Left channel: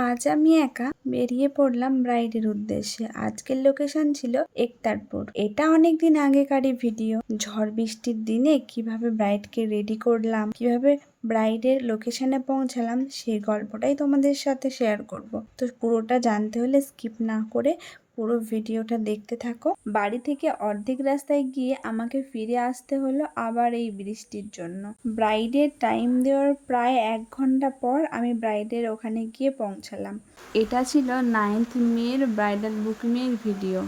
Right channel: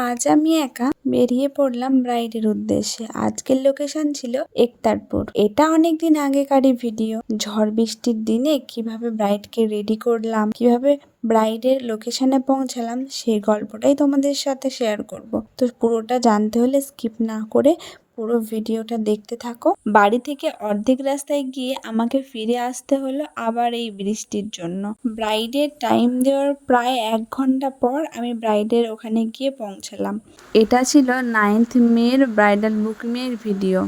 আজ আমি একা বেরিয়ে পড়লাম ব্রাইডের উদ্দেশ্যে। আজকের লোকেশন ছিল একতারপুর। এটা অনেকদিন আগেকারই ভিডিও ঝড় বৃষ্টির দিনে কীভাবে ব্রাইডকে রেডি করলাম, কীভাবে ব্রাইডের লোকেশনে পৌঁছালাম সেই গল্পটাই তোমাদের সাথে শেয়ার করব। তো পুরোটা জানতে হলে স্কিপ না করে পুরো ভিডিওটা দেখতে থাকো। বাড়ি থেকে অর্ধেক রাস্তায় গিয়ে আমাকে ফিরে আসতে হলো আবার এই বৃষ্টির জন্য। ব্রাইডের টাইম দেওয়ার প্রায় এক ঘণ্টা পর আমি ব্রাইডের ওখানে গিয়ে পৌঁছালাম। এটা ছিল নাইন্থ মের ব্রাইডাল বুকিংয়ের ভিডিও।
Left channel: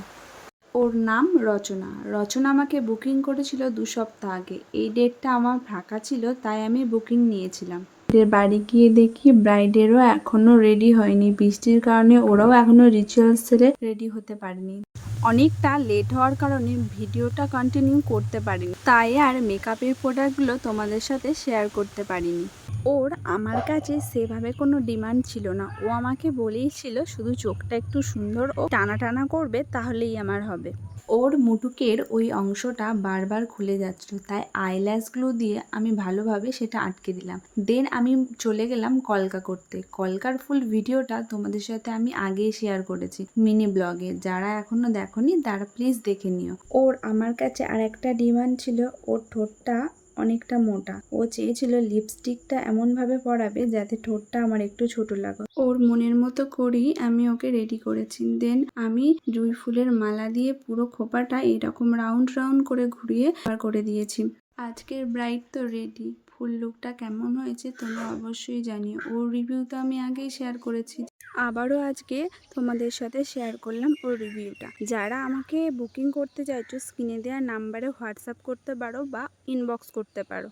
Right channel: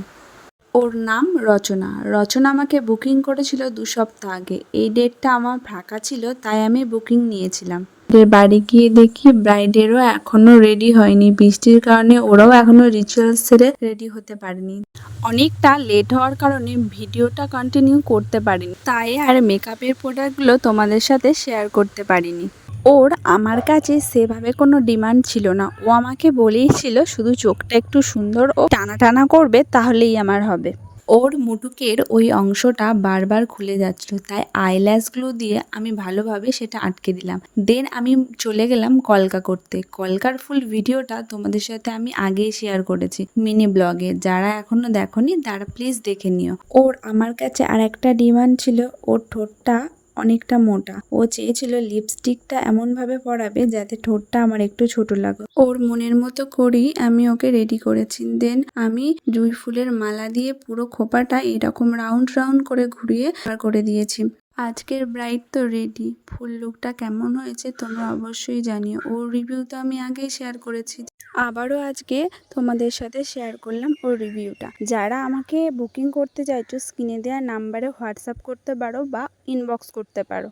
ওর নাম রচনা। রচনা আমাকে বুকিং করেছিল দু সপ্তাহ আগে। এই ডেটটা আমার ফাঁকা ছিল, তাই আমি বুকিং নিয়েছিলাম। এর বাড়ি গিয়ে দেখি ব্রাইডেরও এখনও রেডি হয়নি। বৃষ্টির কারণে ওরাও এখনও রিচুয়ালস সেরে রেডি হতে পারেনি। অনেকটা লেট হওয়ার কারণে ভিডিওটা কন্টিনিউ করতে পারিনি। তাই আর মেকআপের প্রোডাক্টগুলো তোমাদের সাথে শেয়ার করতে পারিনি। ওর আমার কাছে সেভাবে কোনো ডিমান্ড ছিল না। ও আমাকে বলেই ছিল শুধু চোখটা একটু সুন্দর ও টানা টানা করবে, তাহলেই আমার হবে। ওর মুটুকের ওই অংশটা বারবার খুলে যাচ্ছিল, তাই আইল্যাশগুলো দিয়ে আমি ভালোভাবে সেটা আটকে দিলাম। দেন আমি চলে গেলাম কলকা করতে। কলকার ফুল ভিডিওটা তোমাদের সাথে আমি আগেই শেয়ার করেছি মিনি ব্লগে যারা এখনও দেখোনি, তারা প্লিজ দেখে নিও। ওর আমার কাছে আর একটা ডিমান্ড ছিল, ওর ঠোঁটটা অনেকটা মোটা। ও চেয়েছিল লিপস্টিকটা এমনভাবে পরাবে যাতে ঠোঁটটা আমার একটু ছোট লাগে ওর মনের মতো করেই আমি ওকে রেডি করেছি। দেন আমি জুঁই ফুলের মালা দিয়ে পুরো খোপাটা এরকম রাউন্ড রাউন্ড করে ঘুরিয়ে করে দিয়েছি। আজকের ব্রাইড তো রেডি ফুল লুকটা কেমন হয়েছে তোমরা অবশ্যই জানিও। ওর রিভিউ তো আমি আগেই শেয়ার করেছি। আবারও আজকে তোমাদের সাথে শেয়ার করলাম ওর রিভিউটা যারা আমাকে বুকিং করতে চাইছো স্ক্রিনে দেওয়া নাম্বারে হোয়াটসঅ্যাপ করতে পারো বা ইনবক্স করতে পারো।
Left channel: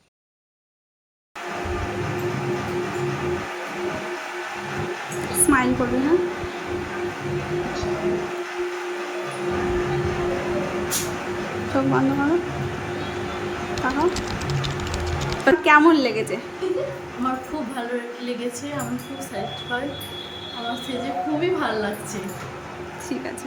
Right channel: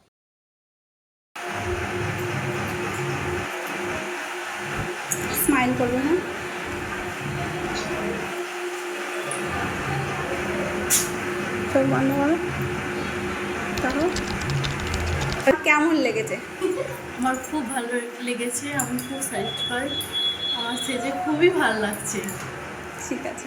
স্মাইল করবে হ্যাঁ? চোখ বন্ধ করো। কেমন লেগেছে? আমার খুব ভালো লেগেছে আমি খুব স্যাটিসফাইড আমার সেজে খুবই ভালো লাগছে। ঠিক আছে।